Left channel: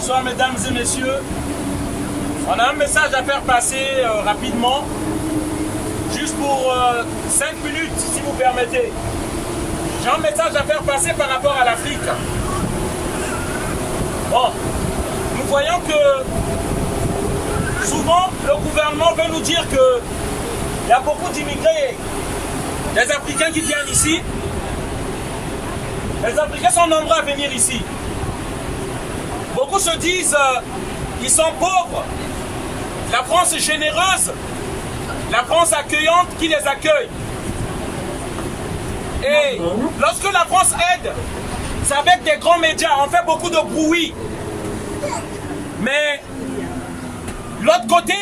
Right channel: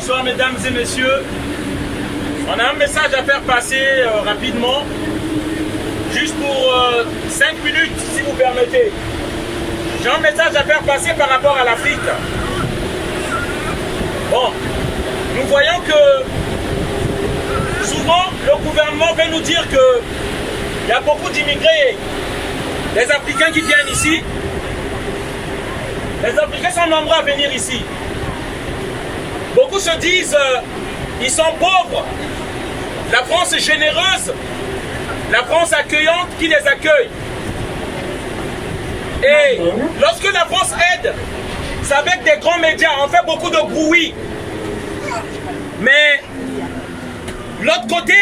Bonsoir mesdames et messieurs. On a un message à faire passer rapidement. Juste pour 5 minutes si vous permettez. J'ai un message à faire passer par rapport à l'Afrique. Bon, nous voyons que souvent le gouvernement veut nous dire qu'il y a beaucoup d'immigrés, des Africains qui viennent ici. Les Africains sont nombreux à venir ici. Beaucoup se disent ils sont pauvres. La France est généreuse. La France accueillante qui les accueille. Et lorsque la France aide, c'est avec des grands médias. On fait beaucoup de bruit. Mais l'autre côté,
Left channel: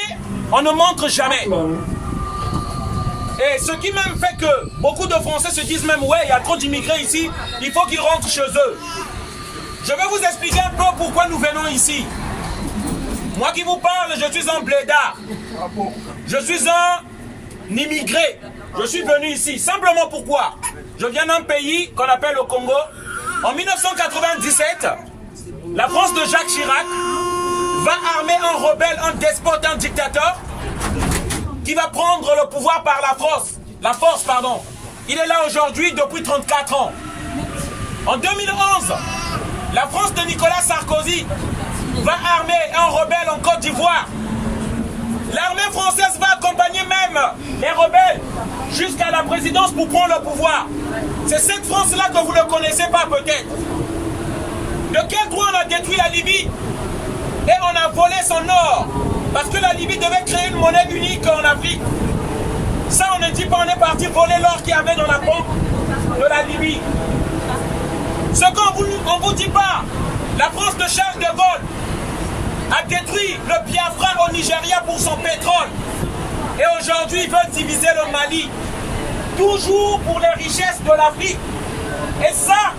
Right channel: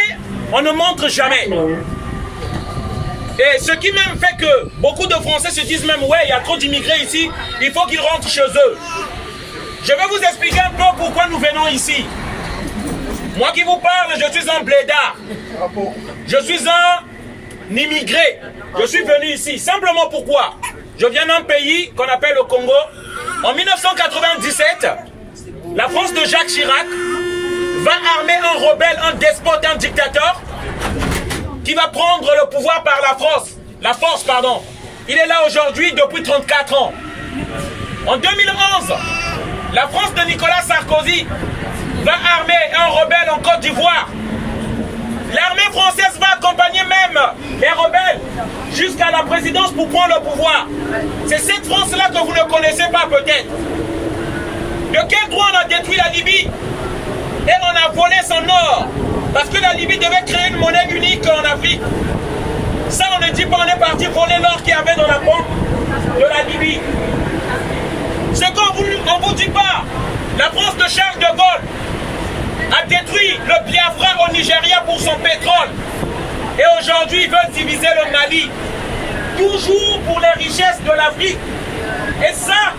on ne montre jamais. Et ce qui même fait que beaucoup de Français se disent même, ouais, il y a trop d'immigrés ici, il faut qu'ils rentrent chez eux. Je vais vous expliquer un peu pourquoi nous venons ici. Moi qui vous parle, je suis un blédard. Je suis un immigré. Je suis venu ici. Simplement pourquoi? Je viens d'un pays qu'on appelle le Congo. En 1997, la France de Jacques Chirac va armer un rebelle, un despote, un dictateur qui va prendre le pouvoir par la force, pardon. Il est là aujourd'hui depuis 34 ans. En 2011, la France de Nicolas Sarkozy va armer un rebelle en Côte d'Ivoire. L'armée française va accompagner même les rebelles jusqu'à la présidence pour prendre le pouvoir. C'est cette France-là que vous ne connaissez pas peut-être. De quel droit on a détruit la Libye et on a volé son or? Parce que la Libye devait créer une monnaie unique en Afrique. Ça on ne dit pas, on est parti voler l'or qu'il y avait dans la pompe de la Libye. Ce qu'on ne vous dit pas, la France de Charles de Gaulle a détruit le Biafra au Nigeria pour son pétrole. Et aujourd'hui, ils veulent diviser le Mali. Toujours pour les richesses de l'Afrique. Et ça,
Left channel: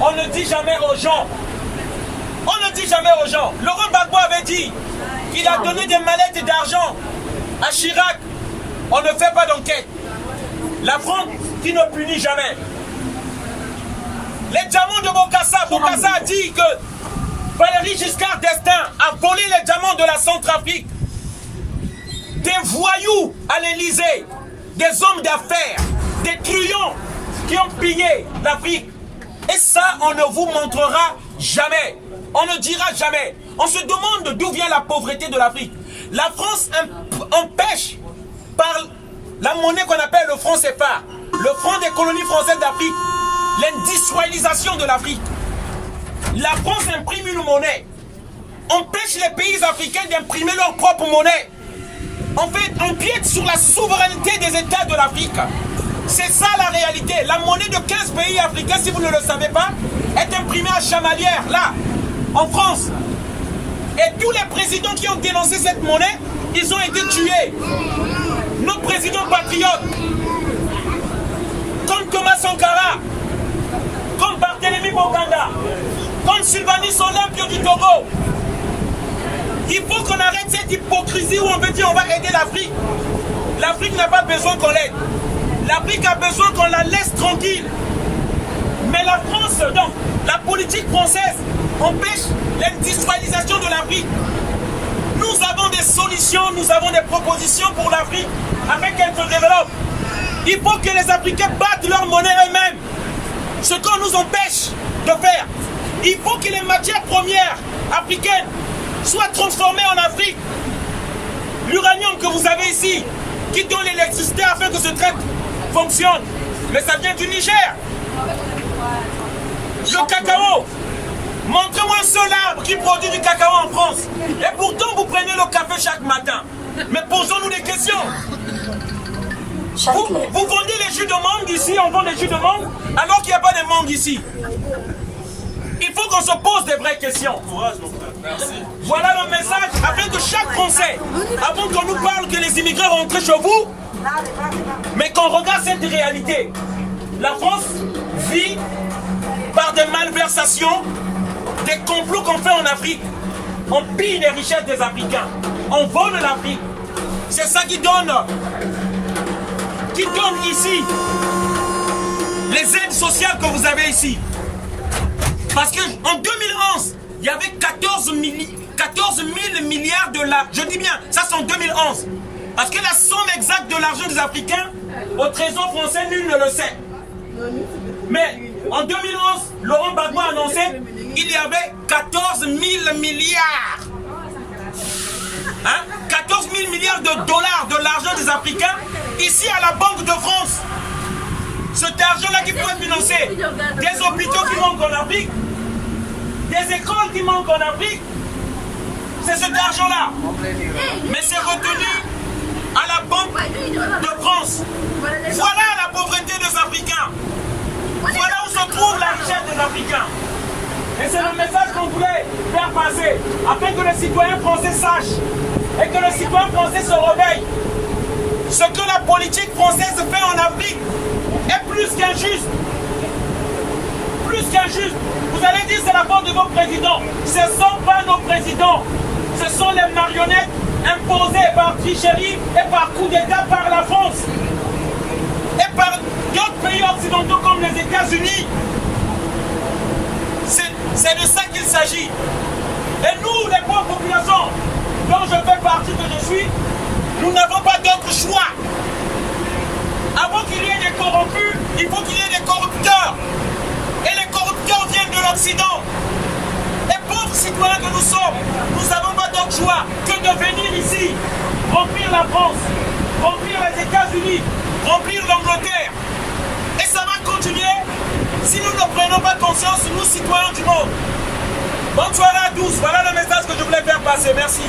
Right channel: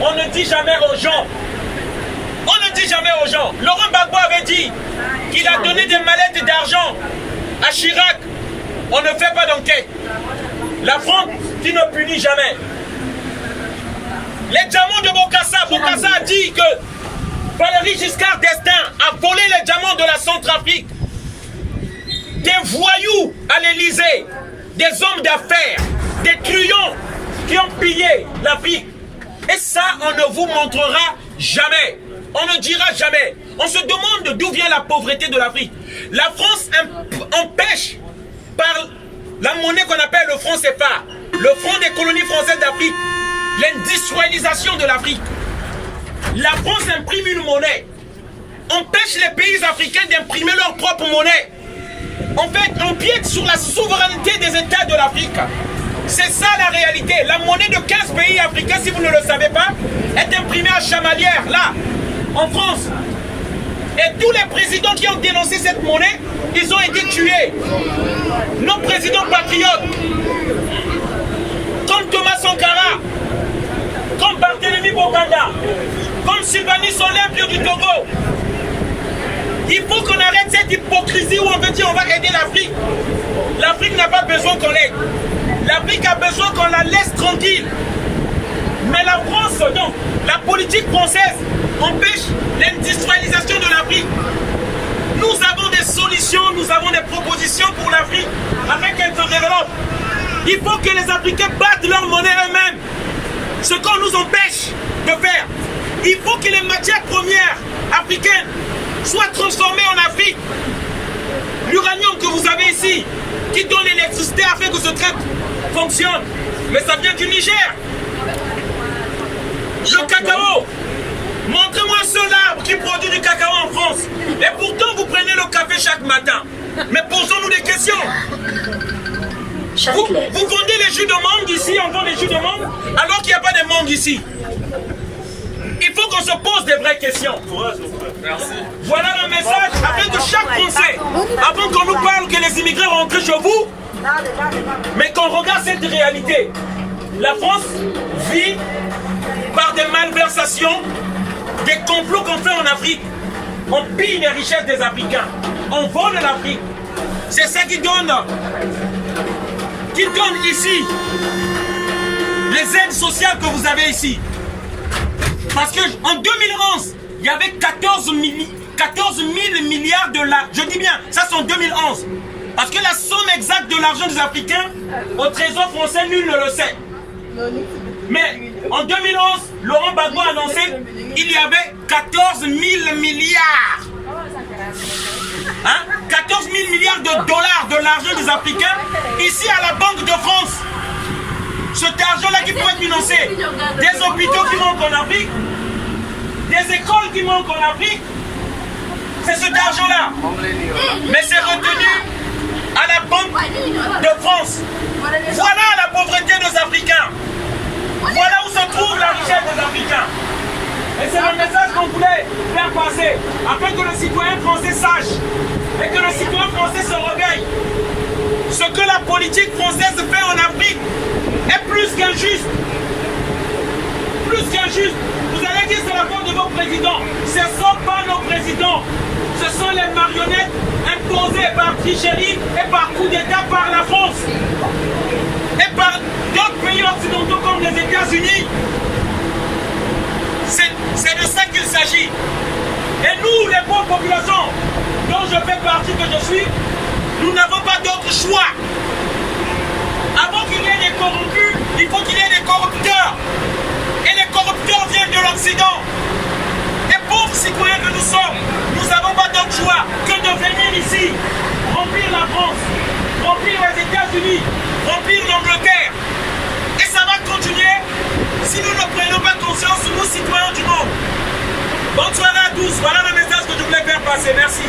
on ne dit jamais aux gens. On ne dit jamais aux gens. Laurent Gbagbo avait dit qu'il a donné des mallettes d'argent à Chirac. On ne fait pas d'enquête. La France qui ne punit jamais. Les diamants de Bokassa, Bokassa a dit que Valéry Giscard d'Estaing a volé les diamants de la Centrafrique. Des voyous à l'Élysée, des hommes d'affaires, des truands qui ont pillé l'Afrique. Et ça, on ne vous montrera jamais. On ne dira jamais. On se demande d'où vient la pauvreté de l'Afrique. La France empêche par la monnaie qu'on appelle le franc CFA, le franc des colonies françaises d'Afrique, l'industrialisation de l'Afrique. La France imprime une monnaie, empêche les pays africains d'imprimer leur propre monnaie. En fait, on empiète sur la souveraineté des États de l'Afrique. C'est ça la réalité. La monnaie de 15 pays africains, si vous ne le savez pas, est imprimée à Chamalières, là, en France. Et tous les présidents qui ont dénoncé cette monnaie, ils ont été tués. Nos présidents patriotes, comme Thomas Sankara, comme Barthélemy Bokanda, comme Sylvanus Olympio du Togo. Il faut qu'on arrête cette hypocrisie où on veut dire on va aider l'Afrique. L'Afrique n'a pas besoin qu'on l'aide. L'Afrique a besoin qu'on la laisse tranquille. Mais la France, donc, la politique française empêche l'industrialisation de l'Afrique. Nous avons des solutions, nous avons des propositions pour l'Afrique afin qu'elle se développe. Il faut que les Africains battent leur monnaie eux-mêmes. Ce qu'on nous empêche de faire. Il faut que les matières premières africaines soient transformées en Afrique. L'uranium que vous avez ici, qui donne l'électricité afin que ce train fonctionne, mais ça vient du Niger. Le cacao, montrez-moi un seul arbre qui produit du cacao en France. Et pourtant, vous prenez le café chaque matin. Mais posons-nous des questions. Vous vendez les jus de mangue ici, on vend les jus de mangue, alors qu'il n'y a pas de mangue ici. Il faut qu'on se pose des vraies questions. Voilà le message afin que chaque Français, avant qu'on nous parle que les immigrés rentrent chez vous, mais qu'on regarde cette réalité. La France vit par des malversations, des complots qu'on fait en Afrique. On pille les richesses des Africains. On vole l'Afrique. C'est ça qui donne ici les aides sociales que vous avez ici. Parce que en 2011, il y avait 14 000 milliards de dollars. Je dis bien, ça c'est en 2011. Parce que la somme exacte de l'argent des Africains au trésor français, nul ne le sait. Mais en 2011, Laurent Gbagbo a annoncé qu'il y avait 14 000 milliards. Hein? 14 000 milliards de dollars de l'argent des Africains ici à la Banque de France. Cet argent-là qui pourrait financer des hôpitaux qui manquent en Afrique, des écoles qui manquent en Afrique, c'est cet argent-là. Mais c'est retenu à la Banque de France. Voilà la pauvreté des Africains. Voilà où se trouve la richesse des Africains. Et c'est le message qu'on voulait faire passer, afin que le citoyen français sache et que le citoyen français se réveille. Ce que la politique française fait en Afrique est plus qu'injuste. Plus qu'injuste. Vous allez dire c'est la faute de vos présidents. Ce ne sont pas nos présidents. Ce sont les marionnettes imposées par tricherie et par coup d'État par la France. Et par d'autres pays occidentaux comme les États-Unis. C'est de ça qu'il s'agit. Et nous, les pauvres populations, dont je fais partie, que je suis, nous n'avons pas d'autre choix. Avant qu'il y ait des corrompus, il faut qu'il y ait des corrupteurs. Et les corrupteurs viennent de l'Occident. Et pauvres citoyens que nous sommes, nous n'avons pas d'autre choix que de venir ici, remplir la France, remplir les États-Unis, remplir l'Angleterre. Et ça va continuer si nous ne prenons pas conscience, nous citoyens du monde. Bonne soirée à tous, voilà le message que je voulais faire passer. Merci.